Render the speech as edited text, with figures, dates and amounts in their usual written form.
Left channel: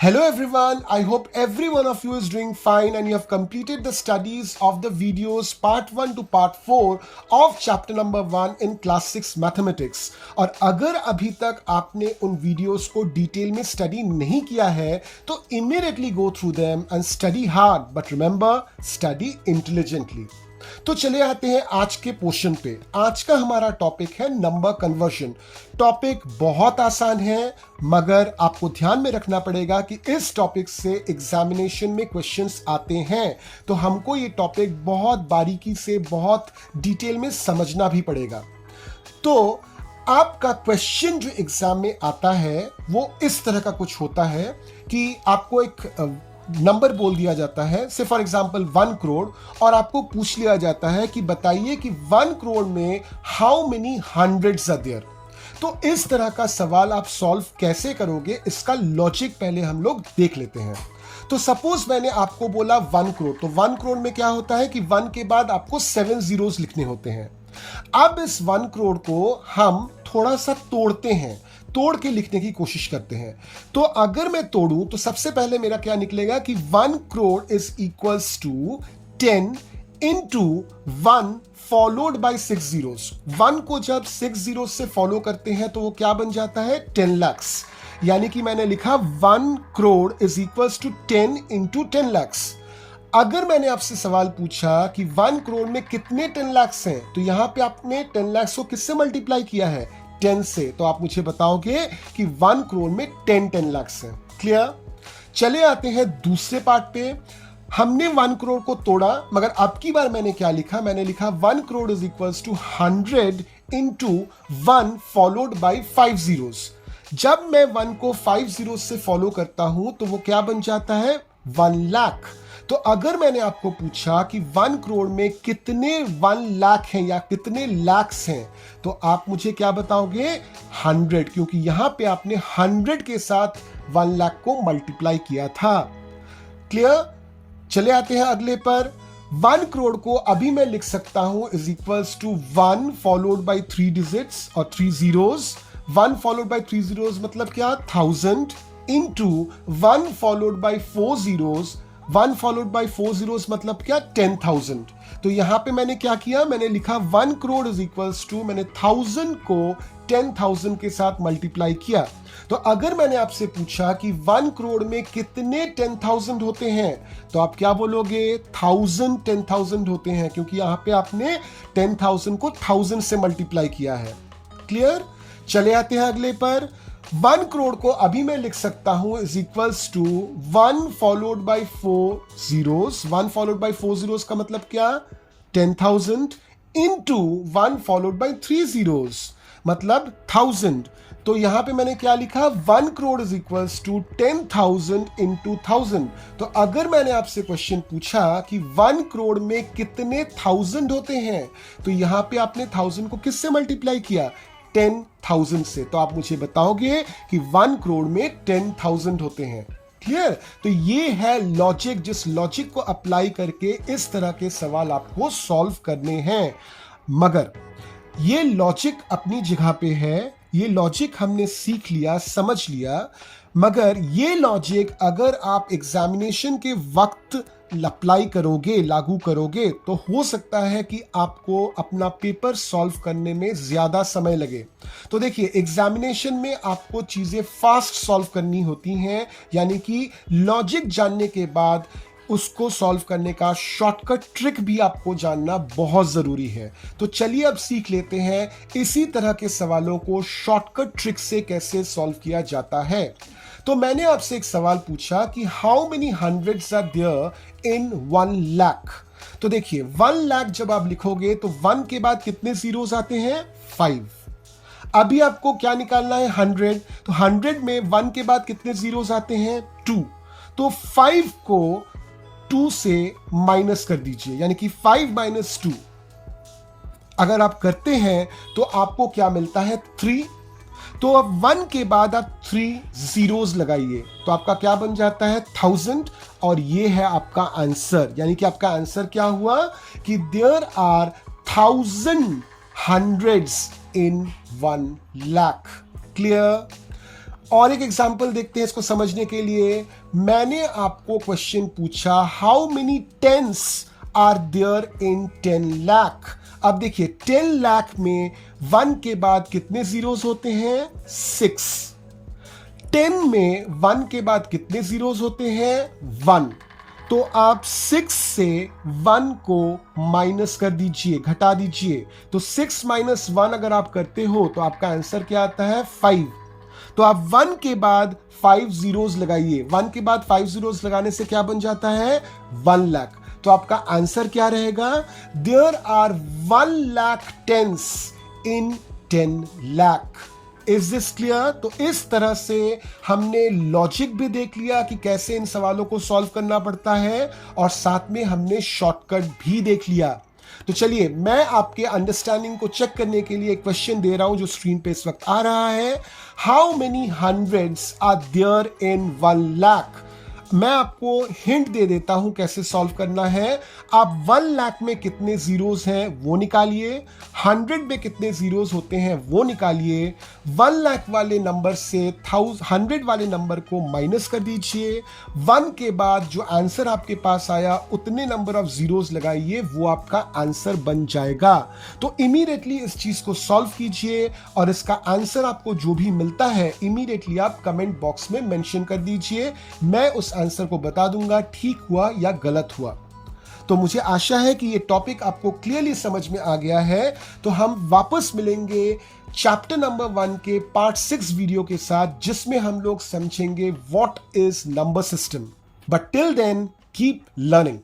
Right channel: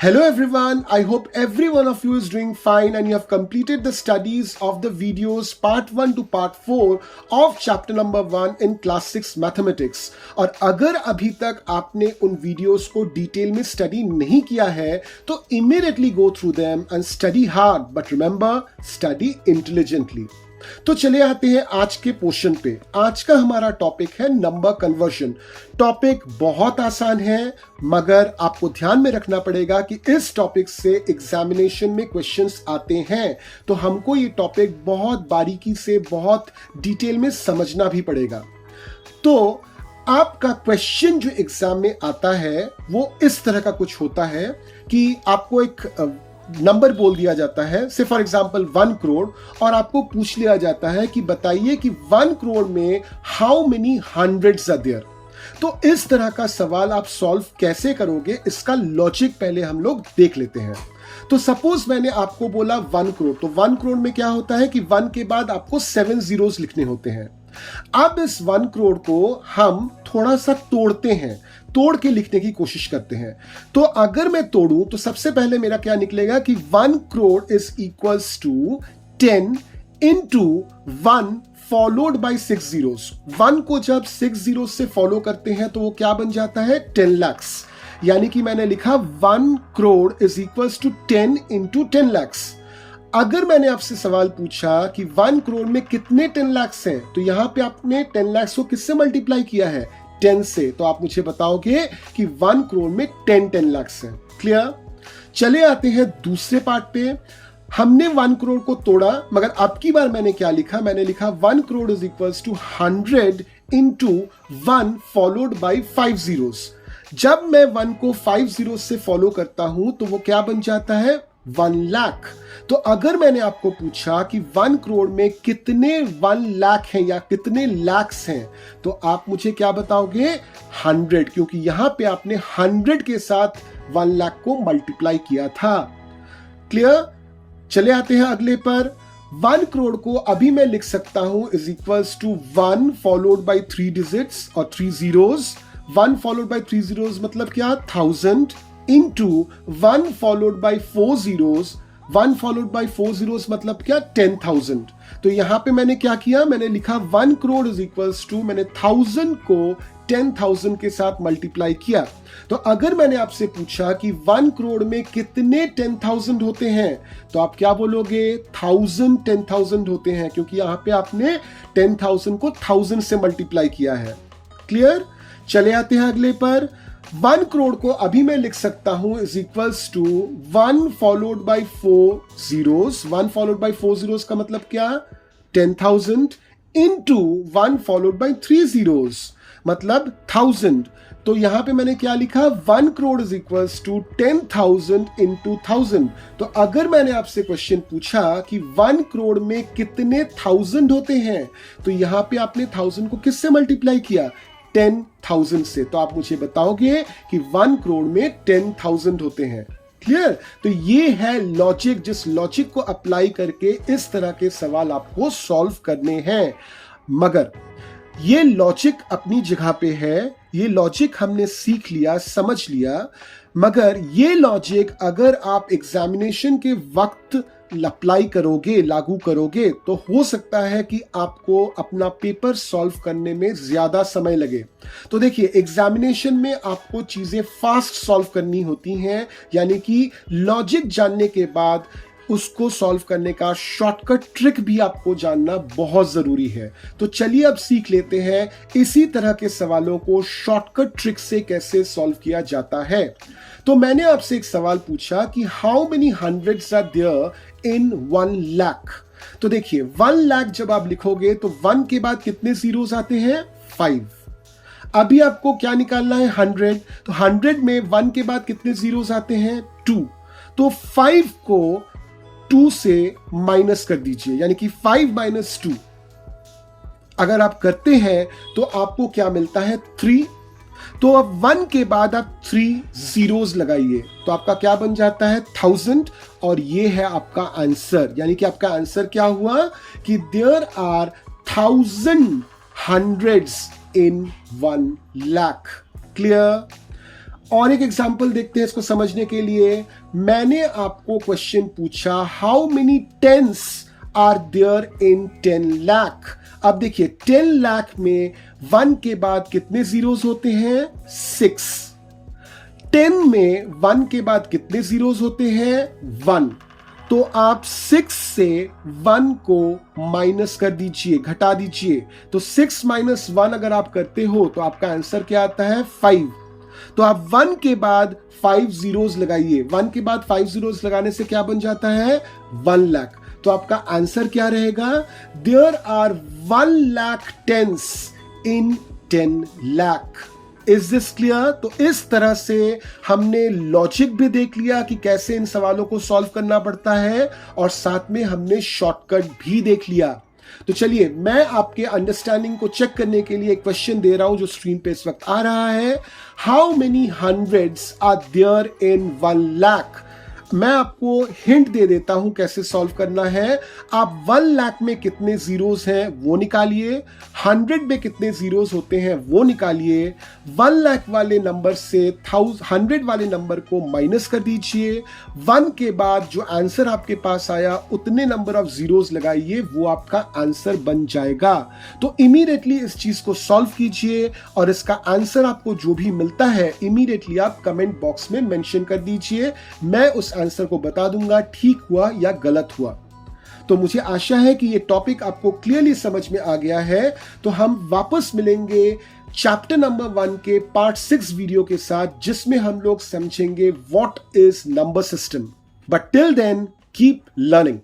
Hello everyone, I hope every one of you is doing fine and you have completed the studies of the videos part 1 to part 4 of chapter number 1 in class 6 mathematics. और अगर अभी तक आपने उन videos को detail में study नहीं किया है तो immediately go through them and study hard, but remember, study intelligently. तो चले आते हैं आज के पोर्शन पे। आज का हमारा टॉपिक है नंबर कन्वर्जन। टॉपिक बहुत आसान है, मगर आपको ध्यान में रखना पड़ेगा कि इस टॉपिक से एग्जामिनेशन में क्वेश्चंस आते हैं, तो हमको ये टॉपिक बहुत बारीकी से, बहुत डिटेल में समझना भी पड़ेगा। तो आपका क्वेश्चन जो एग्जाम में आता है वो इस तरह का कुछ होता है कि आपको एक नंबर बोल दिया जाता है, से फॉर एग्जांपल 1 करोड़, और आपको पूछ लिया जाता है कि बताइए कि 1 करोड़ में how many hundreds are there. तो इस तरह का सवाल आप सॉल्व कैसे करोगे, इसका लॉजिक पहले हम लोग देख लेते हैं। तो सपोज मैंने आपको बोला 1 करोड़, तो 1 करोड़ में क्या होता है कि 1 के बाद आपको 7 जीरोस लिखने होते हैं। अब इस 1 करोड़ को हम थोड़ा सा तोड़ते हैं, तोड़ के लिखने की कोशिश करते हैं। तो अगर मैं तोड़ूं तो सबसे पहले मेरा क्या निकलेगा कि 1 crore is equals to 10 into 1 followed by 6 zeros. 1 को जब 6 जीरोस से फॉलो करते हैं तो वो क्या बन जाता है, 10 lakhs। यानी कि मैंने लिखा 1 crore is equals to 10 into 10 lakhs। अगर मैंने आपसे सवाल पूछा कि 1 करोड़ में कितने 10 lakhs हैं, तो यहां पे आपने 10 lakhs को किससे मल्टीप्लाई किया है, 10 से। तो आप मुझे बताओगे कि 1 करोड़ में 10 lakhs है। क्लियर? चले आते हैं दूसरे पार्ट पे। हमने 1 करोड़ को तोड़ा, मगर अब की बार मैंने क्या लिखा, मैंने लिखा 1 crore is equals to 100 into 1 followed by 5 zeros. जब मैं 1 को 5 जीरोस से फॉलो करता हूं तो वो क्या बन जाता है, 1 लाख। तो अगर मैंने आपको पूछा कि 1 करोड़ में कितने 1 लाख हैं या कितने लैक्स हैं, तो आप मुझे क्या बताओगे, 100, क्योंकि यहां पे आपने 100 के साथ 1 लाख को मल्टीप्लाई किया था। क्लियर? चले आते हैं अगले पर। 1 करोड़ को अभी मैं लिख सकता हूं is equals to 1 followed by 3 digits और 3 जीरोस। 1 फॉलोड बाई 3 जीरोस मतलब क्या, 1000 into 1 followed by 4 zeros. 1 followed by 4 zeros मतलब क्या, 10,000। तो यहां पे मैंने क्या किया, मैंने लिखा 1 करोड़ इज इक्वल्स टू, मैंने 1000 को 10,000 के साथ मल्टीप्लाई किया। तो अगर मैंने आपसे पूछा कि 1 करोड़ में कितने 10,000 होते हैं, तो आप क्या बोलोगे, 1000 होते हैं, क्योंकि यहां पे आपने 10,000 को 1000 से मल्टीप्लाई किया है। क्लियर? चले आते हैं अगले पर। 1 करोड़ को अभी मैं लिख सकता हूं is equals to 1 followed by 4 zeros. 1 followed by 4 zeros का मतलब क्या, 10,000 इंटू 1 फॉलोड बाई 3 जीरोस मतलब 1000। तो यहां पे मैंने क्या लिखा, 1 crore is equals to 10,000 into 1000। तो अगर मैंने आपसे क्वेश्चन पूछा कि 1 करोड़ में कितने 1000 होते हैं, तो यहां पे आपने 1000 को किससे मल्टीप्लाई किया, 10,000 से। तो आप मुझे बताओगे कि 1 करोड़ में 10,000 होते हैं। क्लियर? तो ये है लॉजिक, जिस लॉजिक को अप्लाई करके इस तरह के सवाल आपको सॉल्व करने हैं। मगर ये लॉजिक अपनी जगह पे है, ये लॉजिक हमने सीख लिया, समझ लिया, मगर ये लॉजिक अगर आप एग्जामिनेशन के वक्त अप्लाई करोगे, लागू करोगे, तो हो सकता है कि आपको अपना पेपर सॉल्व करने में ज्यादा समय लगे। तो देखिए, एग्जामिनेशन में आपको चीजें फास्ट सॉल्व करनी होती हैं, यानी कि लॉजिक जानने के बाद उसको सॉल्व करने का शॉर्टकट ट्रिक भी आपको जानना बहुत जरूरी है। तो चलिए अब सीख लेते हैं इसी तरह के सवालों को शॉर्टकट ट्रिक से कैसे सॉल्व किया जाता है। तो मैंने आपसे एक सवाल पूछा कि how many hundreds are there in 1 lakh. तो देखिए, 1 लाख जब आप लिखोगे तो 1 के बाद कितने जीरोस आते हैं, 5। अभी आपको क्या निकालना है, 100। तो 100 में 1 के बाद कितने जीरोस आते हैं, 2। तो 5 को 2 से माइनस कर दीजिए, यानी कि 5 माइनस 2 अगर आप करते हैं तो आपको क्या मिलता है, 3। तो अब 1 के बाद आप 3 जीरोस लगाइए, तो आपका क्या बन जाता है, 1000। और ये है आपका आंसर, यानी कि आपका आंसर क्या हुआ कि there are 1000 hundreds in 1 lakh. Clear? और एक एग्जाम्पल देखते हैं इसको समझने के लिए। मैंने आपको क्वेश्चन पूछा, how many tens are there in 10 lakh. अब देखिए 10 लाख में 1 के बाद कितने जीरोस होते हैं? 6। 10 में 1 के बाद कितने जीरोस होते हैं? 1। तो आप 6 से 1 को माइनस कर दीजिए, घटा दीजिए। तो 6 माइनस 1 अगर आप करते हो तो आपका आंसर क्या आता है? 5। तो आप 1 के बाद 5 जीरोस लगाइए। 1 के बाद 5 जीरोस लगाने से क्या बन जाता है? 1 लाख। तो आपका आंसर क्या रहेगा? There are 1 lakh tens in 10 lakh. Is this clear? तो इस तरह से हमने लॉजिक भी देख लिया कि कैसे इन सवालों को सॉल्व करना पड़ता है, और साथ में हमने शॉर्टकट भी देख लिया। तो चलिए मैं आपके अंडरस्टैंडिंग को चेक करने के लिए एक क्वेश्चन दे रहा हूं जो स्क्रीन पे इस वक्त आ रहा है। How many hundreds are there in 1 lakh? मैं आपको हिंट दे देता हूं कैसे सॉल्व करना है। आप 1 लाख में कितने जीरोस हैं वो निकालिए, 100 में कितने जीरोस होते हैं वो निकालिए। 1 लाख वाले नंबर से 100 वाले नंबर को माइनस कर दीजिए। 1 के बाद जो आंसर आपके पास आया उतने नंबर ऑफ जीरोस लगाइए, वो आपका आंसर बन जाएगा। तो इमीडिएटली इस चीज को सॉल्व कीजिए, और इसका आंसर आपको जो भी मिलता है इमीडिएटली आप कमेंट बॉक्स में मेंशन कर दीजिए। मैं उस आंसर को बता दूंगा ठीक हुआ या गलत हुआ। तो मुझे आशा है कि ये टॉपिक आपको क्लियरली समझ में आ गया है। तो हम वापस मिलेंगे चैप्टर नंबर 1 के पार्ट 6 वीडियो के साथ, जिसमें हम लोग समझेंगे what is number system. But till then keep learning.